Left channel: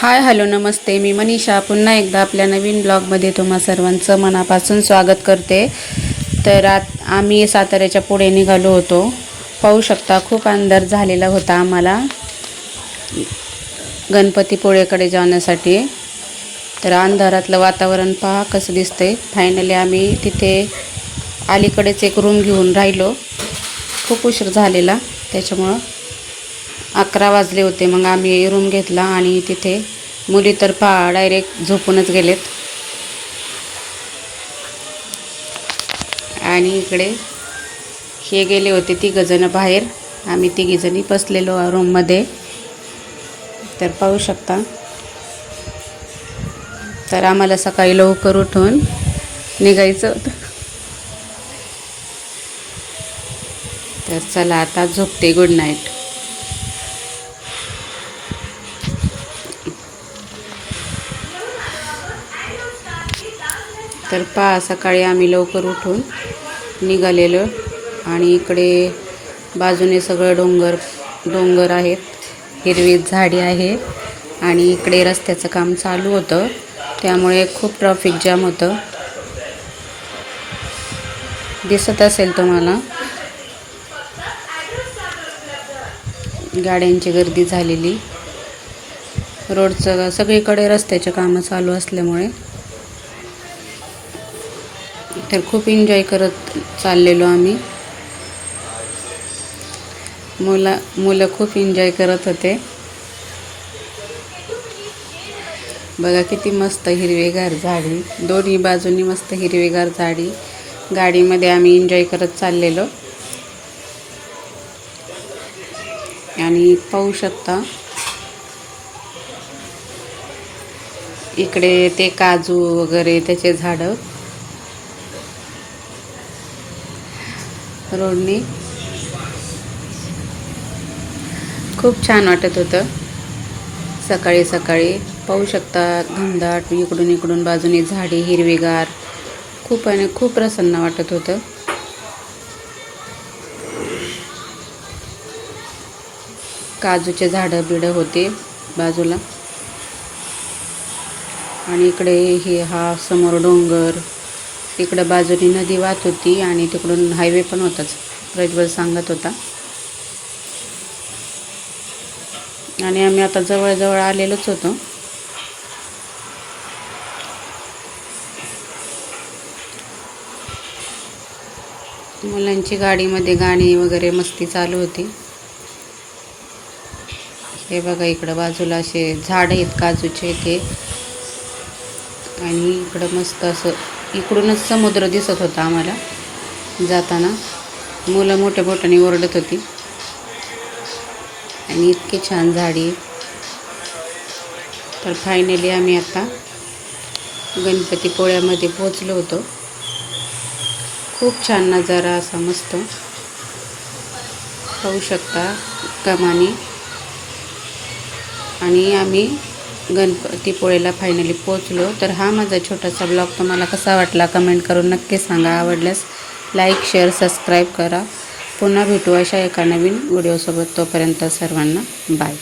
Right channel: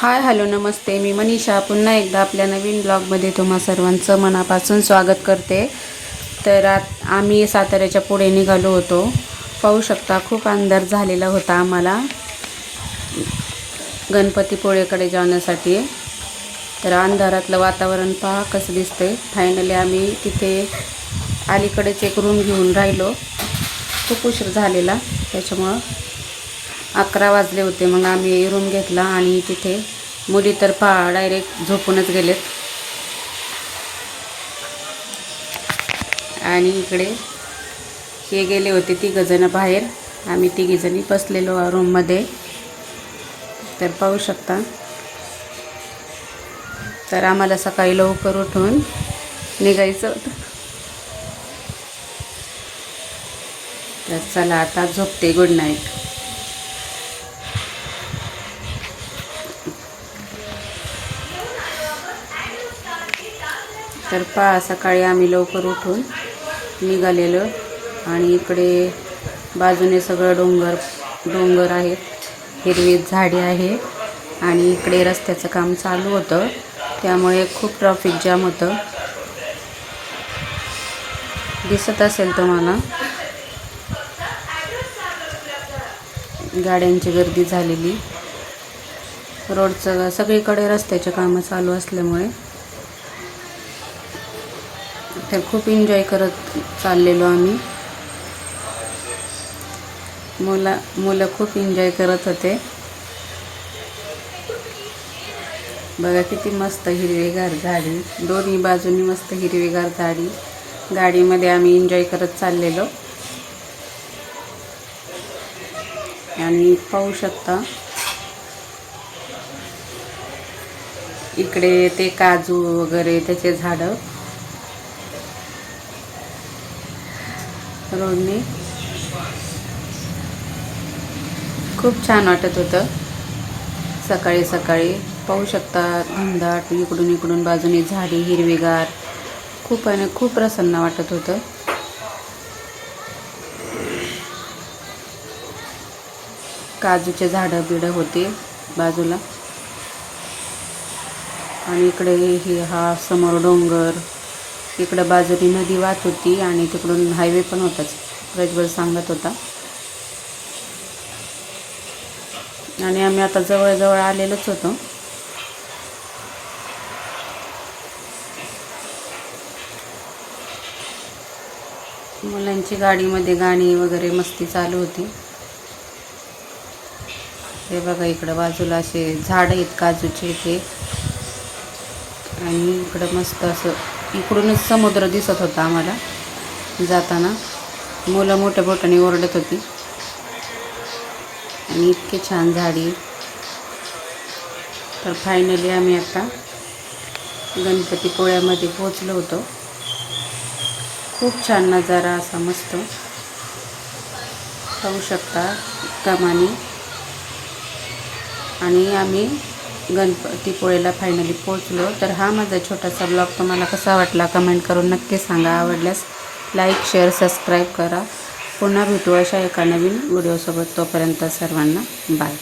Hi hello नमस्ते, मी मनीषा पुन्हा एकदा आपल्या नवीन ब्लॉगमध्ये तुम्हा सर्वांचं मनापासून स्वागत करते. तर आम्ही साताऱ्याच्या पुढे निघालो होतो. पाहू शकता खूप अंधार झालेला होता आम्हाला गणपतीपुळेकडे जाण्यासाठी. तर अंधारातलं वातावरण पहा कसं दिसतंय. फायनली आम्ही तिथे अलीकडेच एक रूम घेऊन राहिलो. खूप उशीर झालेला त्याच्यामुळं 11 वाजले होते. मग आम्ही रूम घेतला आणि तिथे मुली तर डायरेक्ट झोपूनच गेलेत. आणि इकडे हे गेले होते तिघंजणं बाहेर. आम्ही तिघीजणी बसलेलो रूममध्ये. तर पाहू शकता. तर आम्हाला सकाळी लवकर उठून निघायचं होतं. तर चला आता झोपते. Good night. तर सकाळी आम्ही लवकर उठून निघालेलो आणि इकडे बाजूने सगळं डोंगर आहेत, हिरवी झाडी आहे आणि इकडे रस्त्याचं काम चालू होतं त्यामुळे खूप ट्रॅफिक जाम होतं. दिसत असेल तुम्हाला गाड्यांची गर्दी झालेली. रोडचं सगळीकडे रस्त्याचे कामं चालू असल्यामुळे तर खूप एन्जॉय करत चाललेलो आम्ही. मुलं खूप एन्जॉय करत होते. बघा किती मस्त हिरवेगार झाडी, दोन्ही बाजूनी मस्त हिरवेगार झाडी. गाडीमध्ये आम्ही एन्जॉय करत चाललेलो आणि पाहू शकता इकडे ते काजू वगैरे त्याचे झाडं रोडने. खूप छान वाटत होतं सकाळी सकाळी. पाहू शकता घनदाट इकडून बाजूने झाडी हिरवेगार. खूप प्रसन्न वाटत होतं. काजूचे झाडं बिडं होते बाजूला आणि इकडे हा समोर डोंगर. इकडे बाजूने नदी वाहत होती आणि तिकडून हायवे पण होताच, प्रज्वल सांगत होता. आणि आम्ही आता जवळ आलेलोच होतो. मुलांची गाडीमध्ये गाणी वगैरे मस्ती चालू होती. हे बघा इकडं बाजूला असे झाड आहेत काजूचे ते. आणि इकडं मस्त असं इकडूनच समुद्र दिसत होता आम्हाला जाताना. मुलं मोठ्या मोठ्याने ओरडत होती आणि इतकी छान झाडी. तर फायनली आम्ही आता गणपतीपुळ्यामध्ये पोचलो होतो. खूप छान नजारा असा मस्त पाहू शकता कमानी. आणि आम्ही गणपतीपुळेला फायनली पोचलो. तर हा माझा छोटासा ब्लॉग तुम्हाला कसा वाटला कमेंट करून नक्की सांगा. आवडल्यास लाईक शेअर सबस्क्राईब करा. पुन्हा भेटू अशा एका नवीन व्हिडिओसोबत. तोपर्यंत सर्वांना बाय.